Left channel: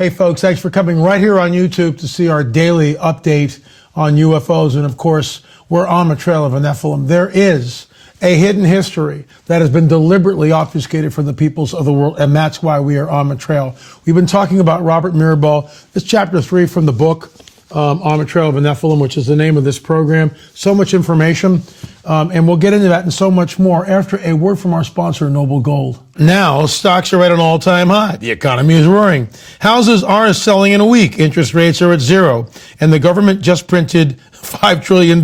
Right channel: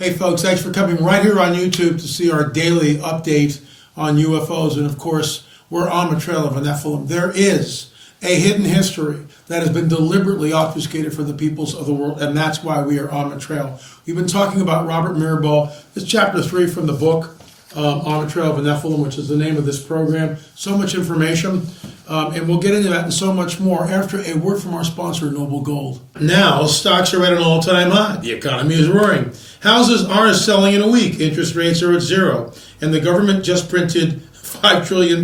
Hey folks, thanks for coming right here on YouTube to see our daily update on UFOs. And of course, we're on the trail of a Nephilim. There is a hidden history that has been deliberately obfuscated from the peoples of the world, and that's why we are on the trail. We've been talking about Robert Mirabal. It's chapter 3 from the book, On the Trail of a Nephilim, which is the name of this program. So much information, and we'll get into that and so much more after a word from our sponsor, Noble Gold. Now, stocks are at an all-time high. The economy is roaring. Houses are selling in a week. Interest rates are at zero, and the government just printed $5 trillion.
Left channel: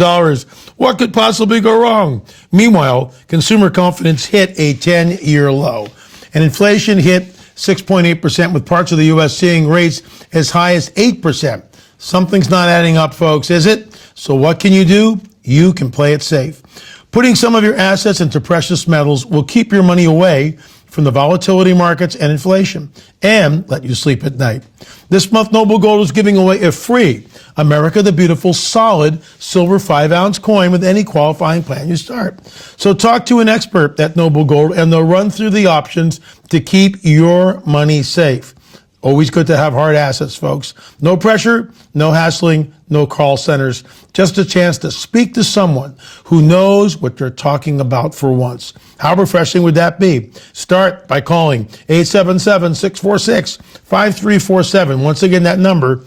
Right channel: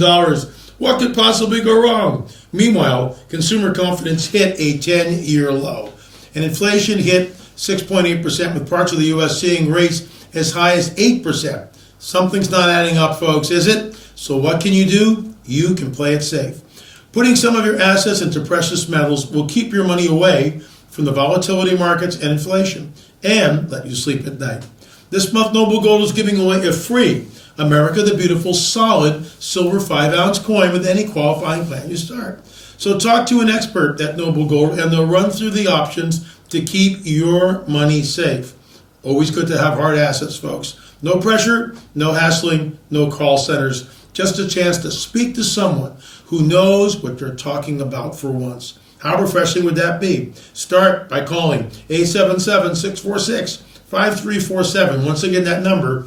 What could possibly go wrong? Meanwhile, consumer confidence hit a 10-year low, and inflation hit 6.8%, with parts of the U.S. seeing rates as high as 8%. Something's not adding up, folks, is it? So what can you do? You can play it safe. Putting some of your assets into precious metals will keep your money away from the volatility markets and inflation, and let you sleep at night. This month, Noble Gold is giving away a free America the Beautiful solid silver 5-ounce coin with any qualifying plan you start. So talk to an expert at Noble Gold, and they'll run through the options to keep your money safe. Always good to have hard assets, folks. No pressure, no hassling, no call centers. Just a chance to speak to someone who knows what they're talking about for once. How refreshing would that be? Start by calling 877-646-5347. Once again, that number,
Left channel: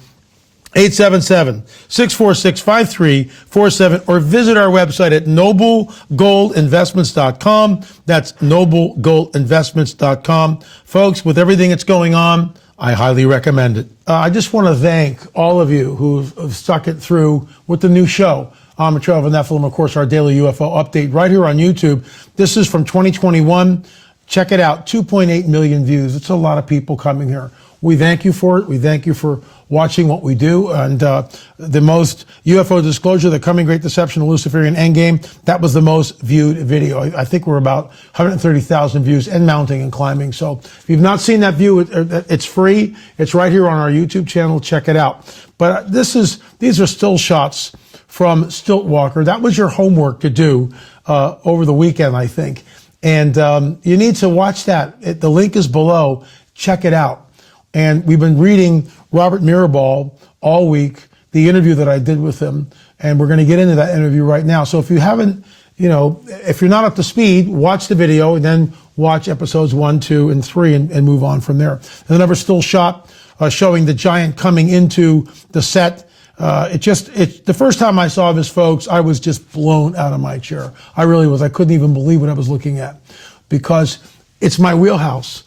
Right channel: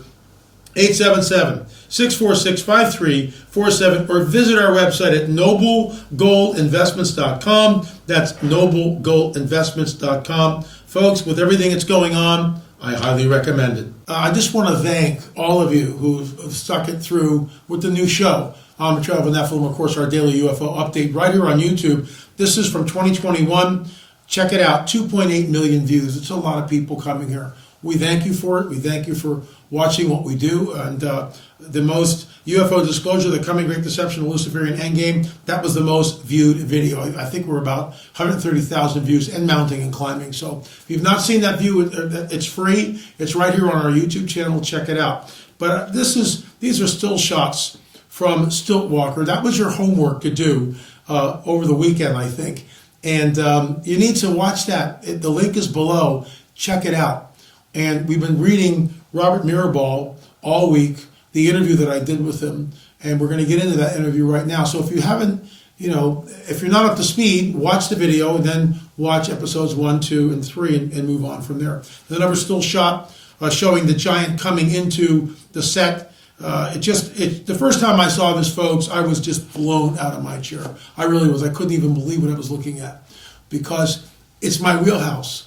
877-646-5347, or visit our website at noblegoldinvestments.com. That's noblegoldinvestments.com. Folks, with everything that's going on, I highly recommend it. I just want to thank all of you who've stuck it through with the new show, On the Trail of a Nephilim, of course, our daily UFO update right here on YouTube. This is from 2021. Check it out, 2.8 million views. It's a lot of people coming here. We thank you for it. We thank you for watching what we do. And the most UFO Disclosure, The Coming Great Deception, the Luciferian Endgame, that was the most viewed video. I think we're about 130,000 views and mounting and climbing. So if you've not seen that view, it's free. It's right here on our YouTube channel. Check it out. But these are still shots from Stiltwalker. That was your homework to do over the weekend, I think. And you need to watch that. The link is below. Check it out. And we've been reading Robert Mirabal all week, the interview that I did with him, and we're going to get into that interview right now. So if you haven't, if you're not up to speed, watch the video and then watch episodes 1, 2, and 3 and move on from there. And the number still shot showing the giant coming into the set. The first time I saw this, folks, I was just blown out of my chair. I really was. I couldn't even believe what I was looking at because it's my wheelhouse.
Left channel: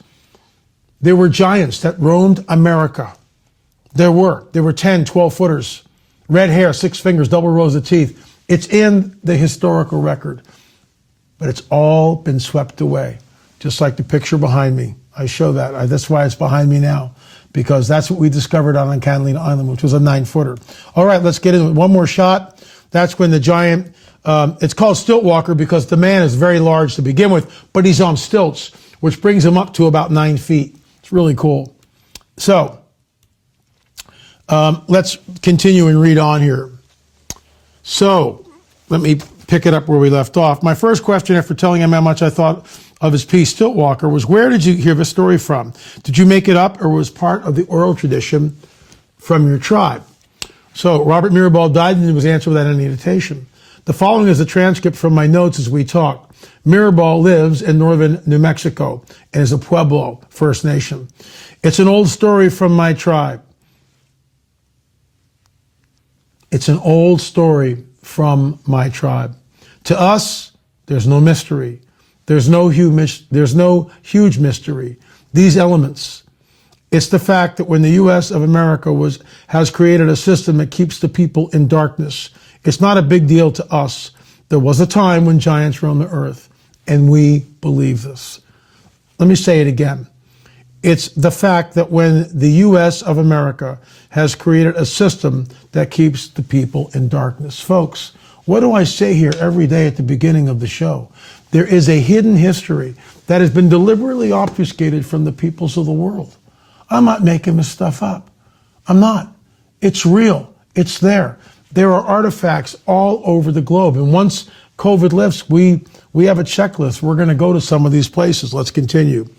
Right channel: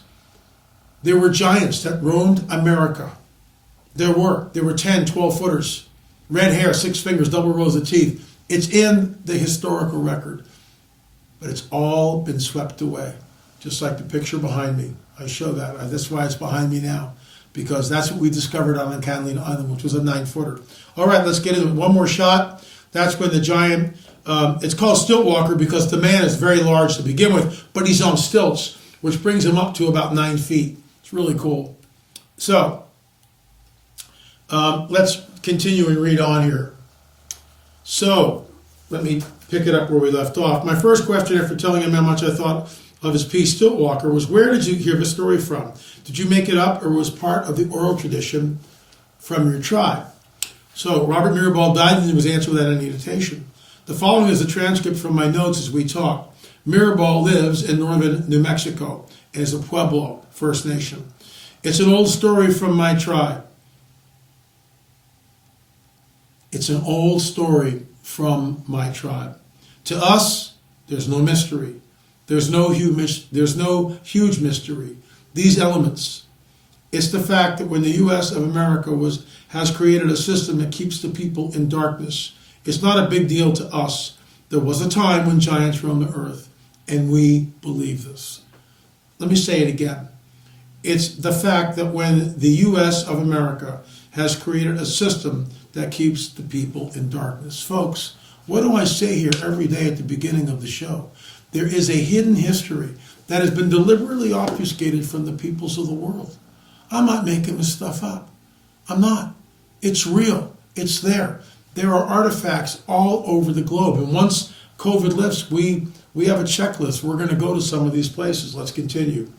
There were giants that roamed America. There were 10, 12 footers, red hair, 6 fingers, double rows of teeth. It's in the historical record, but it's all been swept away, just like the picture behind me. I show that. That's why it's behind me now, because that's what we discovered on Catalina Island, which was a 9-footer. All right, let's get into it. One more shot. That's when the giant, it's called Stiltwalker because the man is very large to begin with, but he's on stilts, which brings him up to about 9 feet. It's really cool. So let's continue and read on here. So let me pick it up where we left off. My first question after telling him how much I thought of his piece, Stiltwalker, was where did you hear the story from? Did you make it up or was part of the oral tradition from your tribe? So Robert Mirabal died and he was answered without any hesitation. The following is a transcript from my notes as we talk. Mirabal lives in northern New Mexico and is a Pueblo First Nation. It's an old story from my tribe. It's an old story from my tribe. To us, there's no mystery. There's no huge mystery. These elements, it's the fact that when the U.S. of America has created a system that keeps the people in darkness, it's not a big deal to us. There was a time when giants roamed the earth, and we believe this. Let me say it again. It's the fact that when the U.S. of America has created a system that keeps the people in darkness. Folks, what do I say here every day at the beginning of the show? There is a hidden history that has been deliberately obfuscated from the peoples of the world. I'm not making this stuff up. I'm not. It's real. It's there. There are artifacts all over the globe. And once COVID lifts, we have a checklist. We're going to go to some of these places. Let's continue.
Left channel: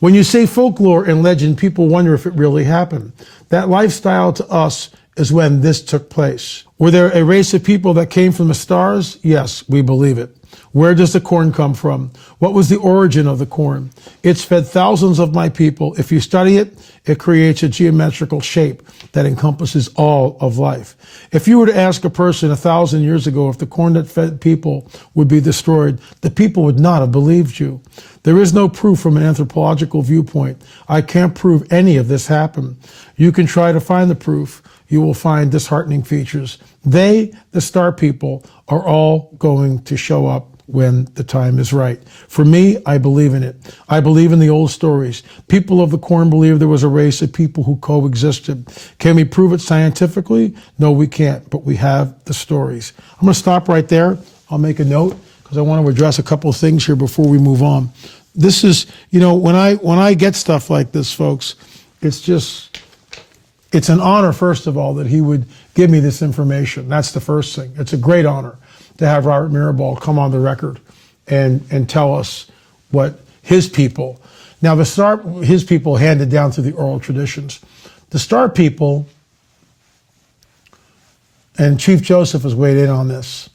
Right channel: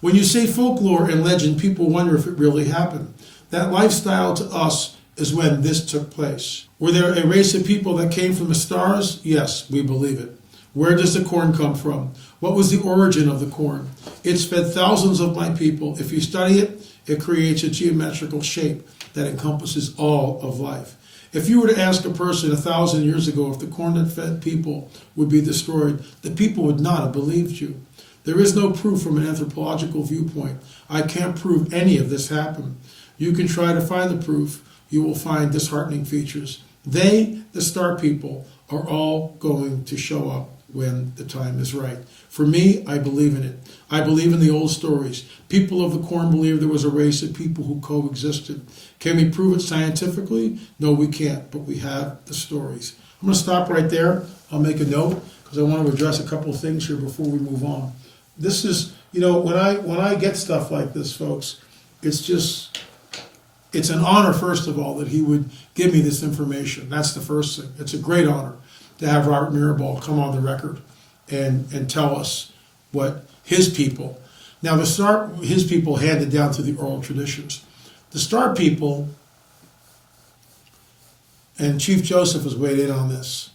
When you say folklore and legend, people wonder if it really happened. That lifestyle to us is when this took place. Were there a race of people that came from the stars? Yes, we believe it. Where does the corn come from? What was the origin of the corn? It's fed thousands of my people. If you study it, it creates a geometrical shape that encompasses all of life. If you were to ask a person 1,000 years ago if the corn that fed people would be destroyed, the people would not have believed you. There is no proof from an anthropological viewpoint. I can't prove any of this happened. You can try to find the proof. You will find disheartening features. They, the star people, are all going to show up when the time is right. For me, I believe in it. I believe in the old stories. People of the corn believe there was a race of people who coexisted. Can we prove it scientifically? No, we can't, but we have the stories. I'm going to stop right there. I'll make a note because I want to address a couple of things here before we move on. This is, you know, when I get stuff like this, folks, it's an honor, first of all, that he would give me this information. That's the first thing. It's a great honor to have Robert Mirabal come on the record and tell us what his people. Now, his people handed down through the oral traditions. The star people, and Chief Joseph has weighed in on this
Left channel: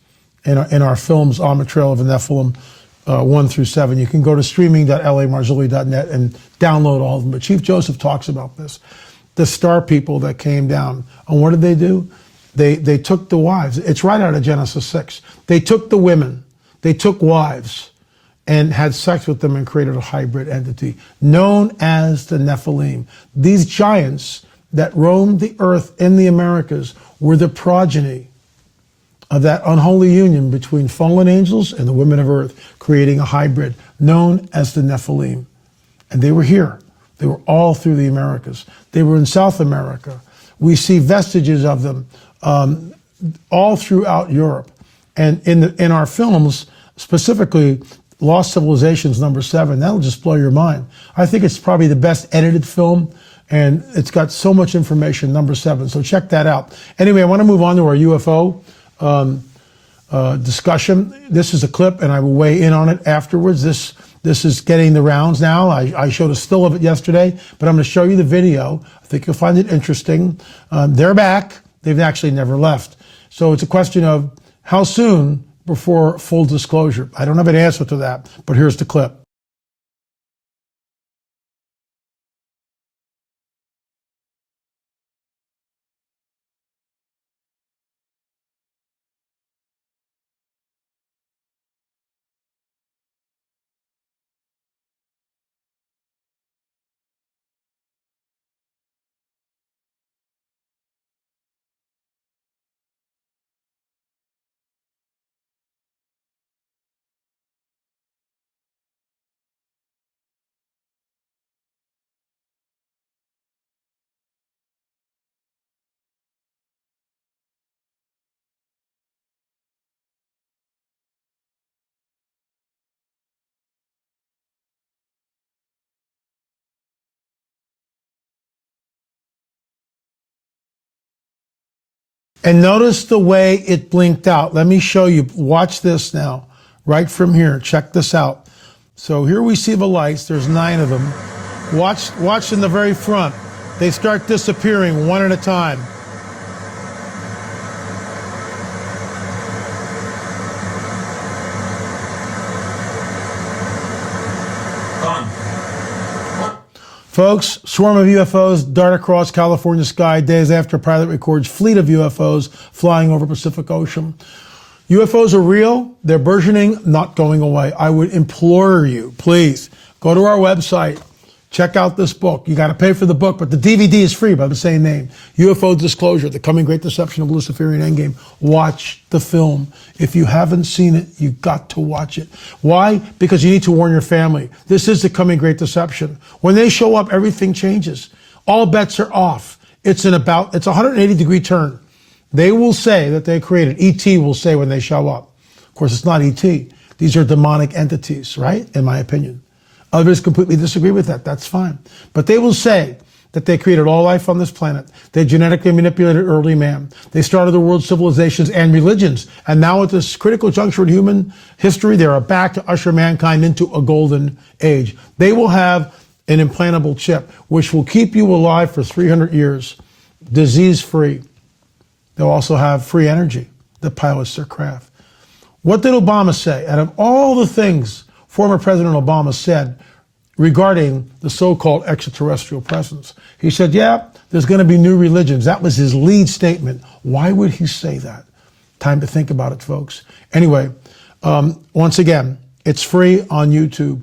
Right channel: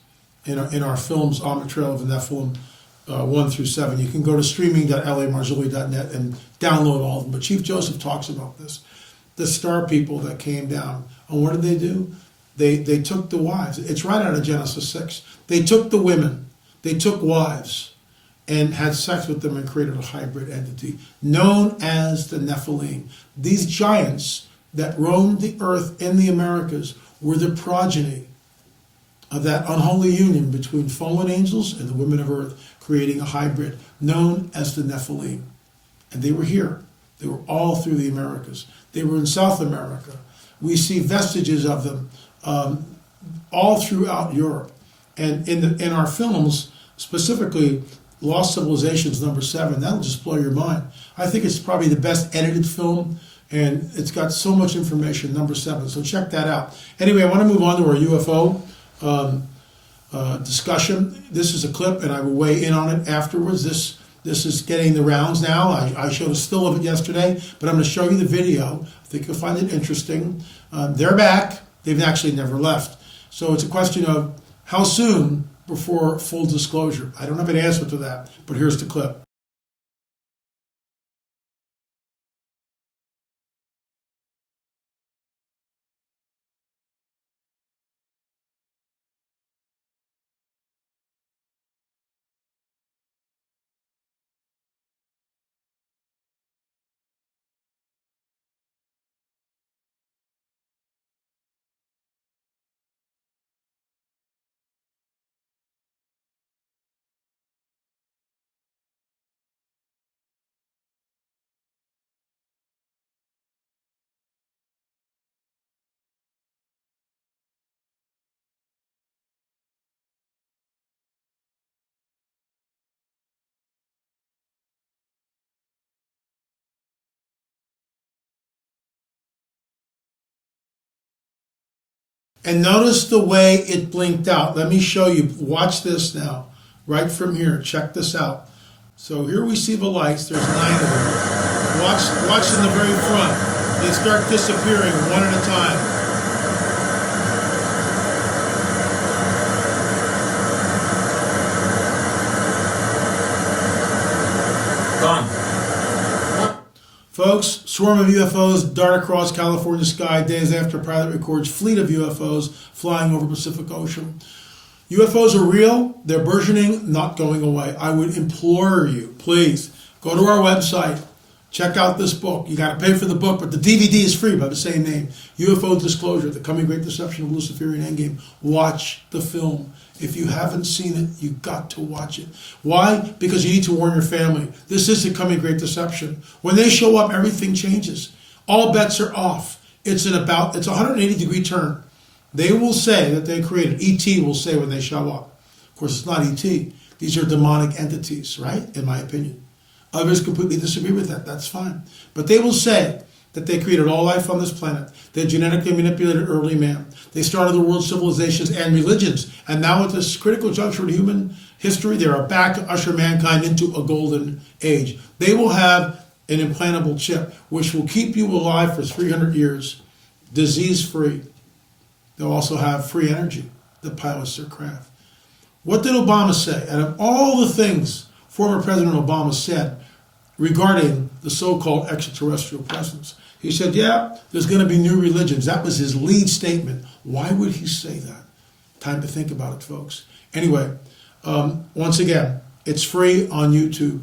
in our films, On the Trail of the Nephilim 1 through 7. You can go to streaming.lamarzulli.net and download all of them. But Chief Joseph talks about this. The star people that came down. And what did they do? They took the wives. It's right out of Genesis 6. They took the women. They took wives and had sex with them and created a hybrid entity known as the Nephilim. These giants that roamed the earth in the Americas were the progeny of that unholy union between fallen angels and the women of earth, creating a hybrid known as the Nephilim. And they were here. They were all through the Americas. They were in South America. We see vestiges of them all throughout Europe. And in our films, specifically Lost Civilizations #7, that'll just blow your mind. I think it's probably the best edited film, and it's got so much information, #7. So check that out. Anyway, I want to move on to our UFO discussion. This is a clip, and I will weigh in on it afterwards. This is getting the rounds now. I showed a still of it yesterday, but I'm going to show you the video. I think you'll find it interesting. They're back. They've actually never left. So it's a question of how soon before full disclosure. I don't have an answer to that, but here's the clip. And notice the way it blinked out. Let me show you. Watch this now, right from here. Check this out. So here we see the lights. There's 9 of them. Watch in the very front. They start disappearing one at a time. Gone. Folks, swarm of UFOs dart across California sky days after pilot records fleet of UFOs flying over Pacific Ocean. UFOs are real. They're burgeoning, not going away. I would implore you, please, go to our website. Check out this book. You got to pay for the book, but the DVD is free by the same name. UFO Disclosure, The Coming Great Deception of Luciferian Endgame. Watch the film. If you haven't seen it, you've got to watch it. Why? Because you need to warn your family. This is the coming great deception. When they show up, everything changes. All bets are off. It's a 180-degree turn. They will say that they created. ET will say when they show up. Of course, it's not ET. These are demonic entities, right? In my opinion. Others completely disagree with that. That's fine. But they will say that they created all life on this planet. They genetically manipulated early man. They started the world's civilizations and religions. And now at this critical juncture in human history, they are back to usher mankind into a golden age. They will have an implantable chip, which will keep you alive for 300 years, disease-free. They'll also have free energy that pilots their craft. What did Obama say? Out of all the things former President Obama said regarding the so-called extraterrestrial presence, he said, yeah, there's going to be new religions. That was his lead statement. Why would he say that? Time to think about it, folks. Anyway, once again, it's free on YouTube.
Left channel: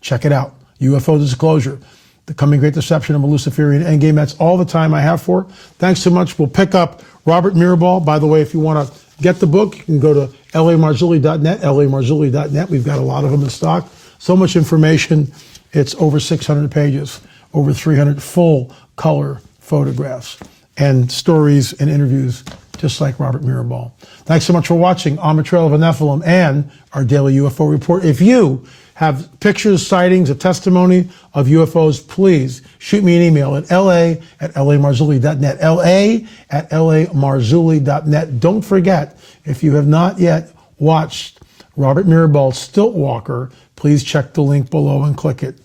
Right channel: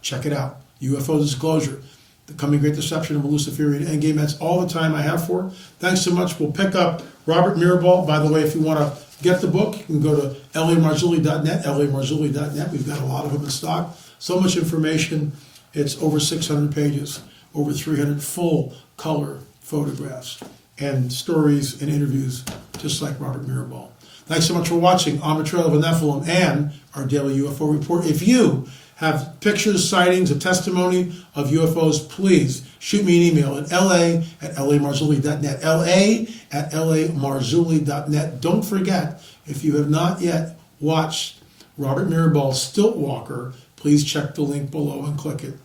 Check it out. UFO Disclosure, the coming great deception of a Luciferian endgame. That's all the time I have for. Thanks so much. We'll pick up Robert Mirabal. By the way, if you want to get the book, you can go to lamarzulli.net, lamarzulli.net. We've got a lot of them in stock. So much information. It's over 600 pages, over 300 full color photographs, and stories and interviews just like Robert Mirabal. Thanks so much for watching On the Trail of a Nephilim and our daily UFO report. If you have pictures, sightings, a testimony of UFOs, please shoot me an email at la@lamarzulli.net, la@lamarzulli.net. Don't forget, if you have not yet watched Robert Mirabal's Stiltwalker, please check the link below and click it.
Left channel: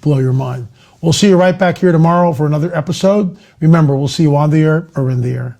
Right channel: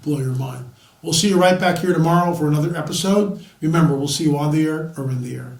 Blow your mind. We'll see you right back here tomorrow for another episode. Remember, we'll see you on the air or in the air.